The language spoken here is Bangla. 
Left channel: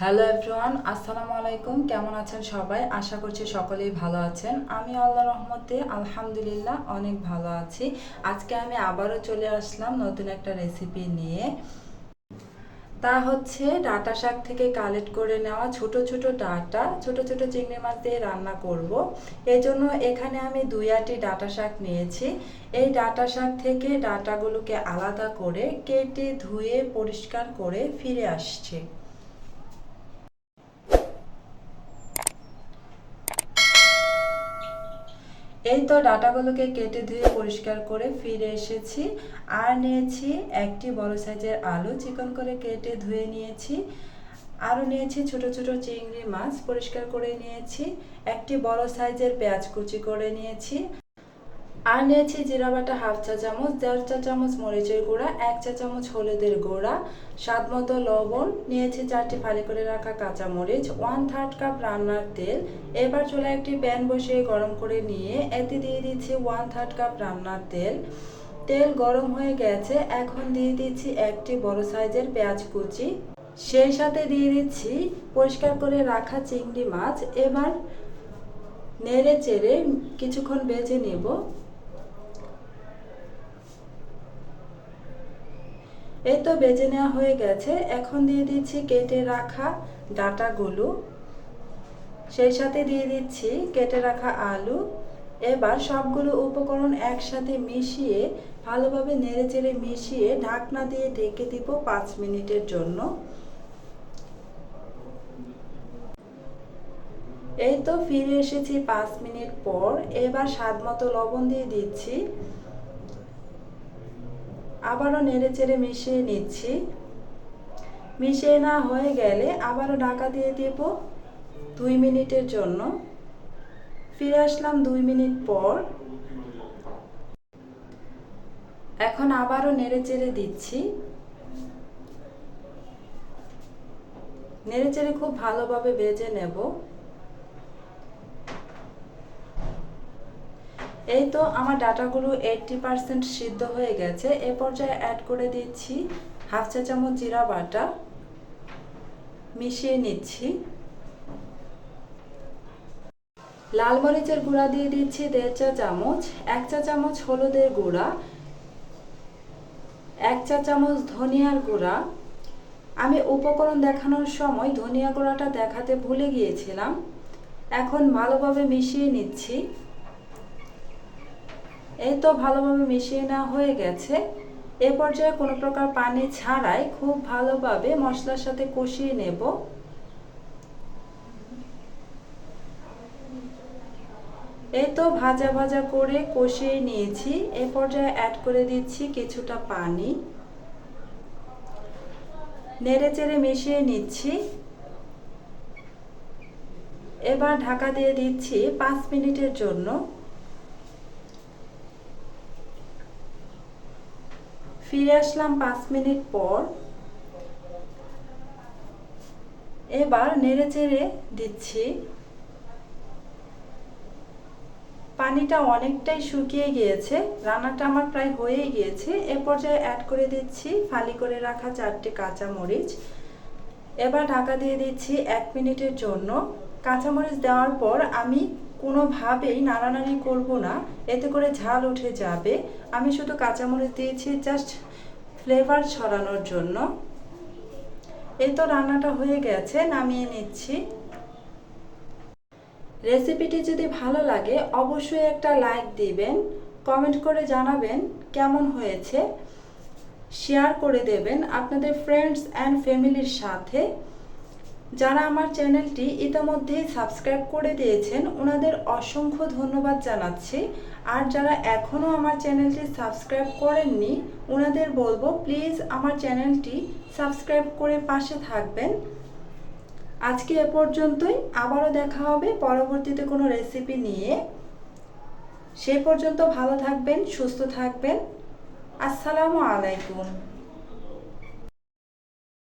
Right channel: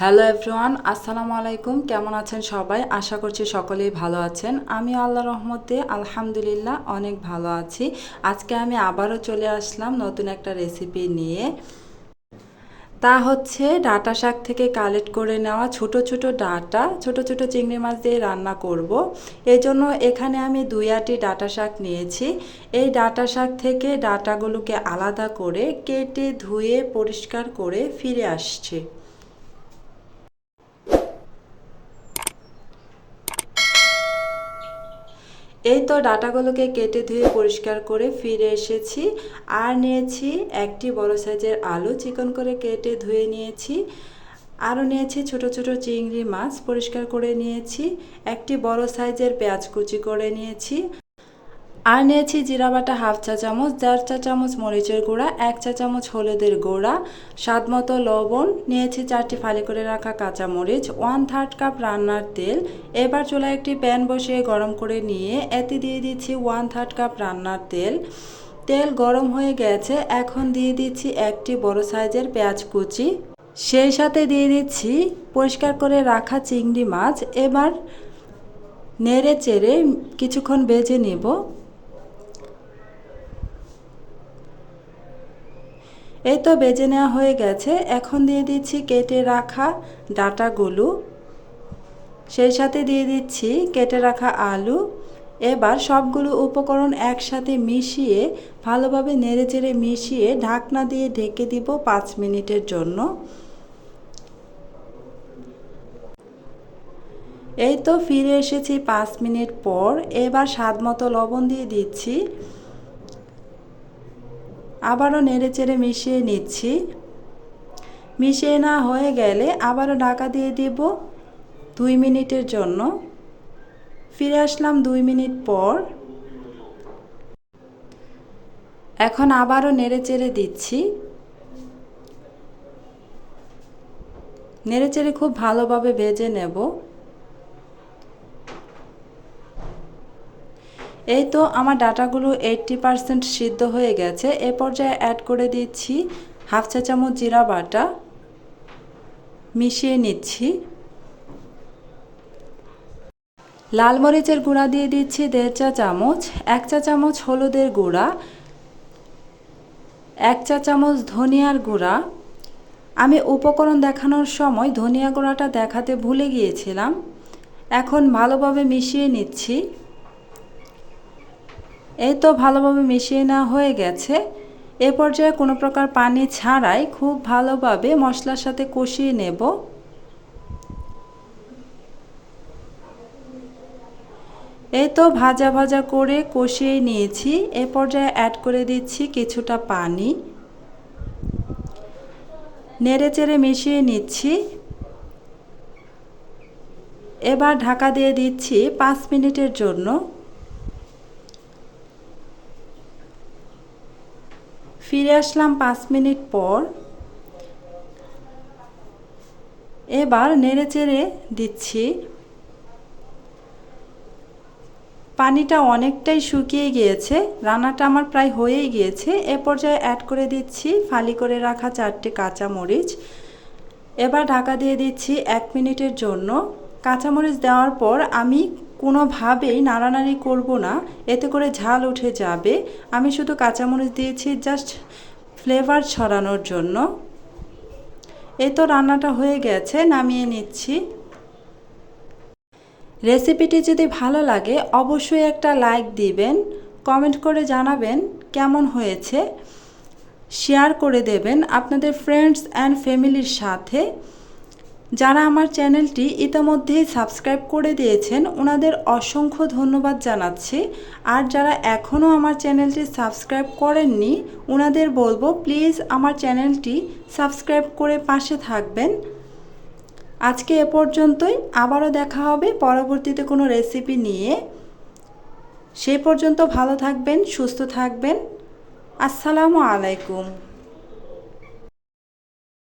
হ্যালো এভরিওয়ান আসসালামু আলাইকুম। কেমন আছেন সবাই? আশা করছি সকলেই ভালো আছেন। আমি আল্লাহ রহমতে আলহামদুলিল্লাহ অনেক ভালো আছি। আজকে আমি আবারও চলে আসলাম নতুন একটা রেসিপি নিয়ে। তা হচ্ছে ডাটা শাক থেকে কালেক্ট করে নেওয়া ছোট ছোট ডাটা, ছোট ছোট চিংড়ি মাছ দিয়ে রান্না করব। এই জন্য এখানে আমি দুই আটি ডাটা শাক নিয়েছি। এই ডাটা শাক থেকে ডাটাগুলোকে আলাদা করে কেটে ধুয়ে পরিষ্কার করে ফিরে আসছি। এই তো ডাটাগুলোকে কেটে ধুয়ে পরিষ্কার করে ফিরে এসেছি। আর নিয়েছি একটি বড় সাইজের আলু, চিকন করে কেটে ধুয়ে নিয়েছি। আরও নিয়েছি ছোট ছোট চিংড়ি মাছ পরিষ্কার করে নিয়েছি। একটি বড় সাইজের পেঁয়াজ কুচি করে নিয়েছি। আর নিয়েছি জিরা বাটা হাফ চা চামচ, দেড় চা চামচ মরিচের গুঁড়া, এক চা চামচ হলুদের গুঁড়া, স্বাদ মতো লবণ, নিয়েছি চারটি ফালি করে রাখা কাঁচা মরিচ ওয়ান থার্ড কাপ রান্নার তেল। এবার চুলায় একটি প্যান বসিয়ে গরম করে নিয়ে এতে দিয়ে দিচ্ছি ওয়ান থার্ড কাপ রান্নার তেল। তেল গরম হয়ে গেছে, এখন দিয়ে দিচ্ছি একটি বড় সাইজের পেঁয়াজ কুচি। সেই সাথে দিয়ে দিচ্ছি পরিষ্কার করে রাখা চিংড়ি মাছ। এবার নেড়ে চেড়ে কিছুক্ষণ বেজে নেব। এই তো বেজে নেওয়া হয়ে গেছে। এখন দিয়ে দিচ্ছি কেটে রাখা ডাটাগুলো সেই সাথে দিয়ে দিচ্ছি কেটে রাখা আলু। এবার সবগুলো উপকরণ একসাথে মিশিয়ে, ভালোভাবে নেড়ে চেড়ে মিশিয়ে ঢাকনা দিয়ে ঢেকে দিব পাঁচ মিনিটের জন্য। এই তো ফিরে এসেছি পাঁচ মিনিট পর। এবার স্বাদ মতো লবণ দিয়ে দিচ্ছি। আবারও নেড়ে চেড়ে মিশিয়ে নিচ্ছি। মিশিয়ে না হয়ে গেলে আবারও ঢাকা দিয়ে দিব দুই মিনিটের জন্য। ফিরে আসলাম দুই মিনিট পর। এখন আবারও নেড়ে চেড়ে দিচ্ছি। নেড়ে চেড়ে খুব ভালোভাবে ভেজে নেব। এই তো আমার ডাটাগুলো এইটটি পারসেন্ট সিদ্ধ হয়ে গেছে। এ পর্যায়ে অ্যাড করে দিচ্ছি হাফ চা চামচ জিরা বাটা। মিশিয়ে নিচ্ছি। লাল মরিচের গুঁড়া দিয়ে দিচ্ছি দেড় চা চামচ, এক চা চামচ হলুদের গুঁড়া, এক চা চামচ ধনিয়ার গুঁড়া। আমি উপকরণ দেখানোর সময় ধনিয়া গুঁড়াটা দেখাতে ভুলে গিয়েছিলাম। এখন ভালোভাবে মিশিয়ে নিচ্ছি। এই তো ভালোভাবে মিশিয়ে নেওয়া হয়ে গেছে। এ পর্যায়ে কোনো প্রকার পানি ছাড়াই খুব ভালোভাবে মশলার সাথে কষিয়ে নেব। এই তো ভাজা ভাজা করে কষিয়ে নিয়েছি। এ পর্যায়ে অ্যাড করে দিচ্ছি কিছুটা পানি। নেড়ে চেড়ে মিশিয়ে নিচ্ছি। এবার ঢাকা দিয়ে দিচ্ছি পাঁচ মিনিটের জন্য। ফিরে আসলাম পাঁচ মিনিট পর। এবার নেড়ে চেড়ে দিচ্ছি। পানিটা অনেকটাই শুকিয়ে গিয়েছে, রান্নাটা আমার প্রায় হয়েই গিয়েছে। এ পর্যায়ে অ্যাড করে দিচ্ছি ফালি করে রাখা চারটি কাঁচা মরিচ এবার ঢাকা দিয়ে দিচ্ছি এক মিনিটের জন্য। কাঁচামরিচ দেওয়ার পর আমি কোনোভাবেই নাড়ানাড়ি করব না। এতে করে ঝাল উঠে যাবে। আমি শুধু কাঁচামরিচ দিয়েছি জাস্ট ফ্লেভার ছড়ানোর জন্য। এই তো রান্নাটা হয়ে গেছে, নামিয়ে নিচ্ছি। রেসিপিটি যদি ভালো লাগে, অবশ্যই একটা লাইক দিবেন, কমেন্ট করে জানাবেন কেমন হয়েছে। শেয়ার করে দেবেন আপনাদের ফ্রেন্ডস অ্যান্ড ফ্যামিলির সাথে। যারা আমার চ্যানেলটি ইতিমধ্যেই সাবস্ক্রাইব করে দিয়েছেন, ওনাদের অসংখ্য ধন্যবাদ জানাচ্ছি। আর যারা এখনও আমার চ্যানেলটি সাবস্ক্রাইব করেননি, ওনাদের বলব প্লিজ আমার চ্যানেলটি সাবস্ক্রাইব করে পাশে থাকবেন। আজকে এ পর্যন্তই, আবারও দেখা হবে পরবর্তীতে কোনো রেসিপি নিয়ে। সে পর্যন্ত ভালো থাকবেন, সুস্থ থাকবেন। আসসালামু আলাইকুম।